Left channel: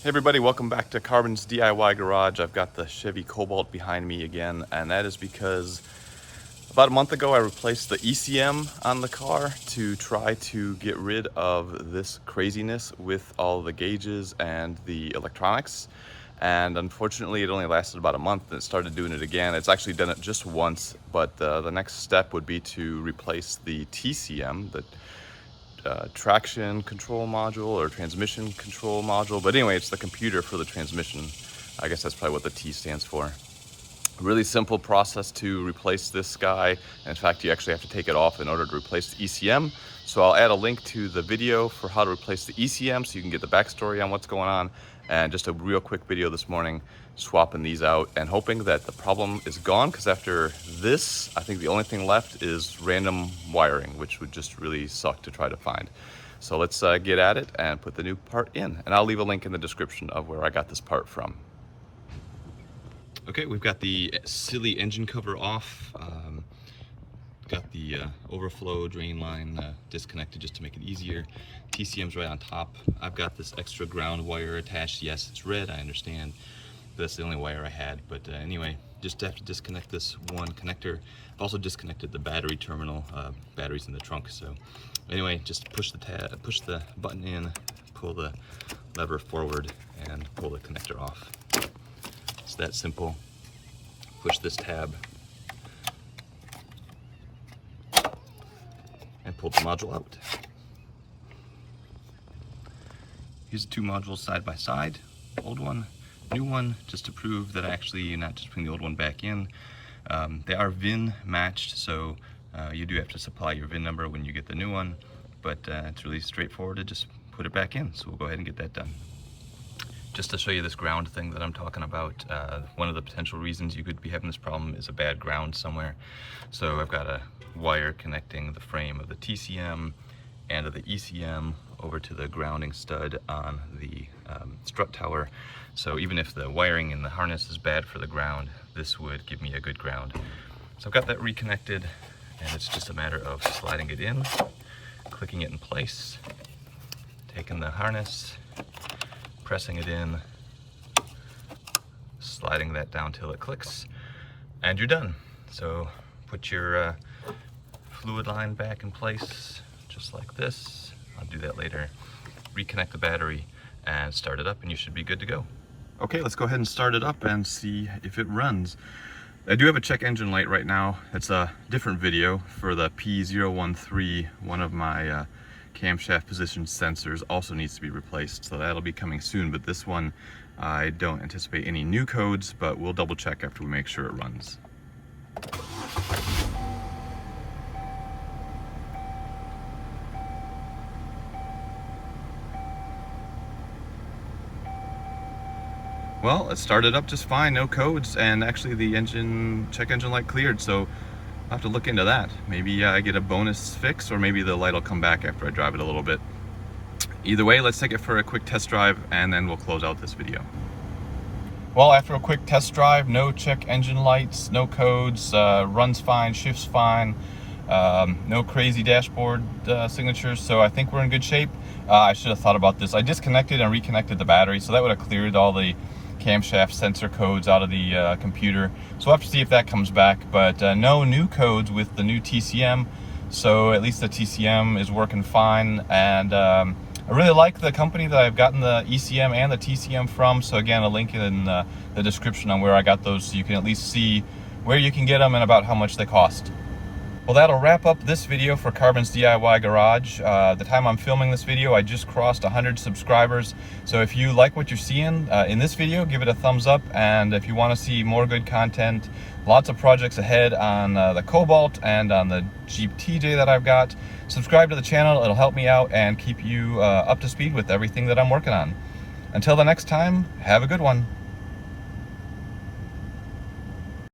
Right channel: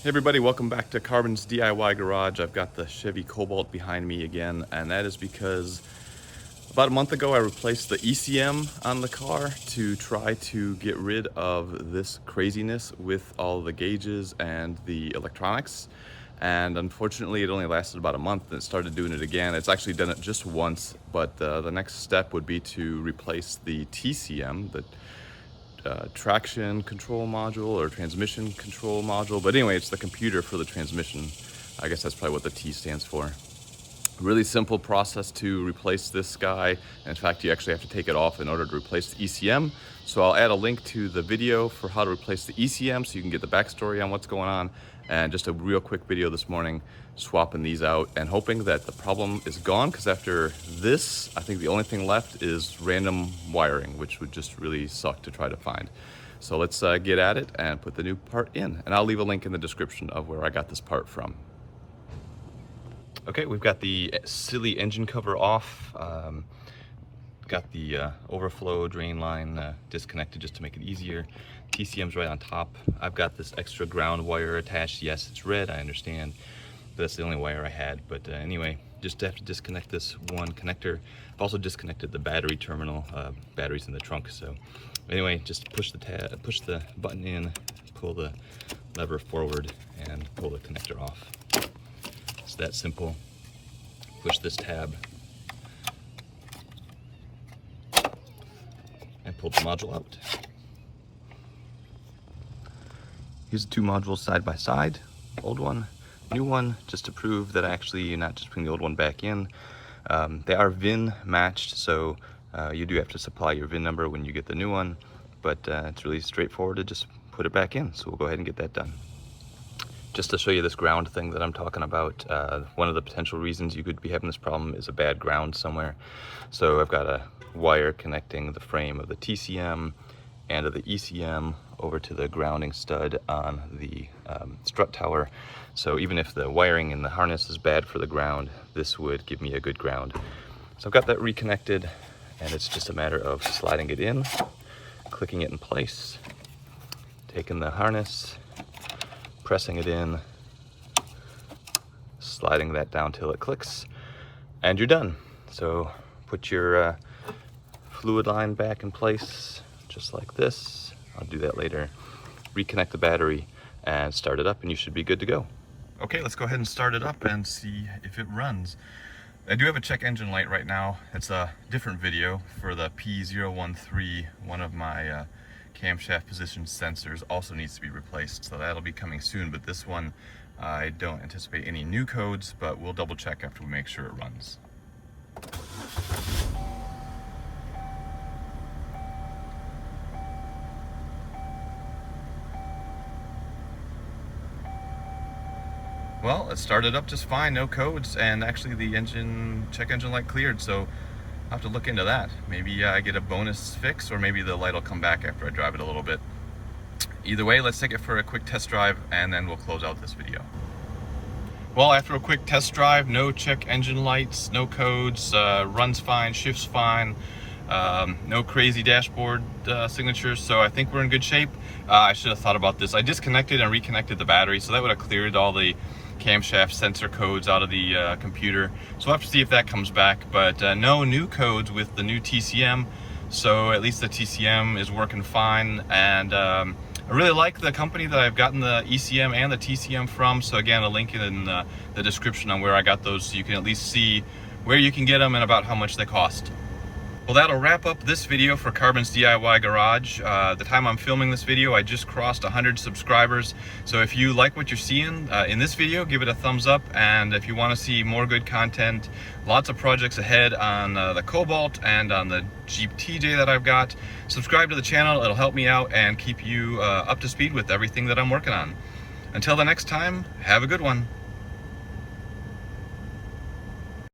Hey everybody, welcome back to Carbon's DIY Garage. I've got the Chevy Cobalt behind me again, and that is because about a month ago I replaced the ECM on the car to try to get rid of this craziness with all the gauges and the electronics. And unfortunately it only lasted about a month and it started doing it again. It's actually done it just once, but the next step would be to replace the TCM, the traction control module or transmission control module. But anyway, it's the computer for the transmission. I guess that's probably what the T stands for. Really simple process to replace this guy. In fact, you actually have to take it off in order to replace the ECM. So I'll add a link to the video for how to replace the ECM so you can get the backstory on what's going on. And just a real quick video this morning swapping these out and hoping that the problem is gone, because after this, I think the only thing left is random wiring, which would just really suck to try to find. So let's get at it and put the new part in. And I'll leave a link in the description of where I got this part from. Okay, we've got the silly engine cover off. Got the overflow drain line disconnected just to make it easier. TCM's right on top. I've got this extra ground wire attached. Yes, it's red, I understand. But that's the only wire I had. But anyway, just have to disconnect this one connector. I've also disconnected the battery terminal. Battery's in the trunk. So anyway, just push the button in, pull the lever forward, and pull the connector off. It's that simple. Push this tab and pull the module out. Here's the two modules side by side, old one, new one, just to prove that I actually not just putting the old one back in. They are VIN matched, so you do have to supply your VIN number when you get the new one, but it's really straightforward to just put it back in. So we'll go ahead and get that done. Just to show you this ground thing that I'm talking about, one of the potential reasons you could be having this problem is a bad ground somewhere. So I've got a wire connecting the frame of the TCM and of the ECM over to the grounding stud on the strut tower. So even if the wiring in the harness is bad for the ground, this would give me a good ground. So I've got that reconnected, and it's just a matter of sliding it in, clicking it in place, taking the harness, pressing it in, sliding that down till it clicks, and you're done. So put your fluid line back in place, just like this. I'll do that later. Reconnect the battery and start it up, and you should be good to go. Okay, let's go ahead and start it up and see if it runs. I do have a check engine light right now. It's a different video for the P013. One of my camshaft position sensors also needs to be replaced, so that'll be coming soon. But this one, I don't anticipate any new codes, but we'll double check after we make sure it runs. Well, it started up just fine, no codes, and actually the check engine light cleared, so I'll have to look into that. Maybe I get a bonus fix, or maybe the light will come back after I drive it a little bit. Either way, let's take it for a quick test drive, and then we'll close out this video. Well, after a quick test drive, no check engine lights, no codes, runs fine, shifts fine, no crazy dashboard signatures, so I think we're in good shape. I should have thought about this. I disconnected and reconnected the battery, so that would have cleared all the camshaft sensor codes out of the computer. So we'll have to see if that comes back, but no new codes with the new TCM, so at least the TCM is working fine. And I really like the company that I've gotten the ECM and the TCM from, so again, a link in the description on where I got those, so you can at least see where you can get them and about how much they cost. Well, that'll wrap up this video for Carbon's DIY Garage. The time I'm filming this video, I just crossed 100 subscribers. So if you like what you're seeing in this video, give it a thumbs up. And if you want to see more good content, lots of projects ahead on the Cobalt and on the Jeep TJ that I've got, subscribe to the channel. It'll help me out and keep you up to speed with everything that I'm working on. Until the next time, have a good one.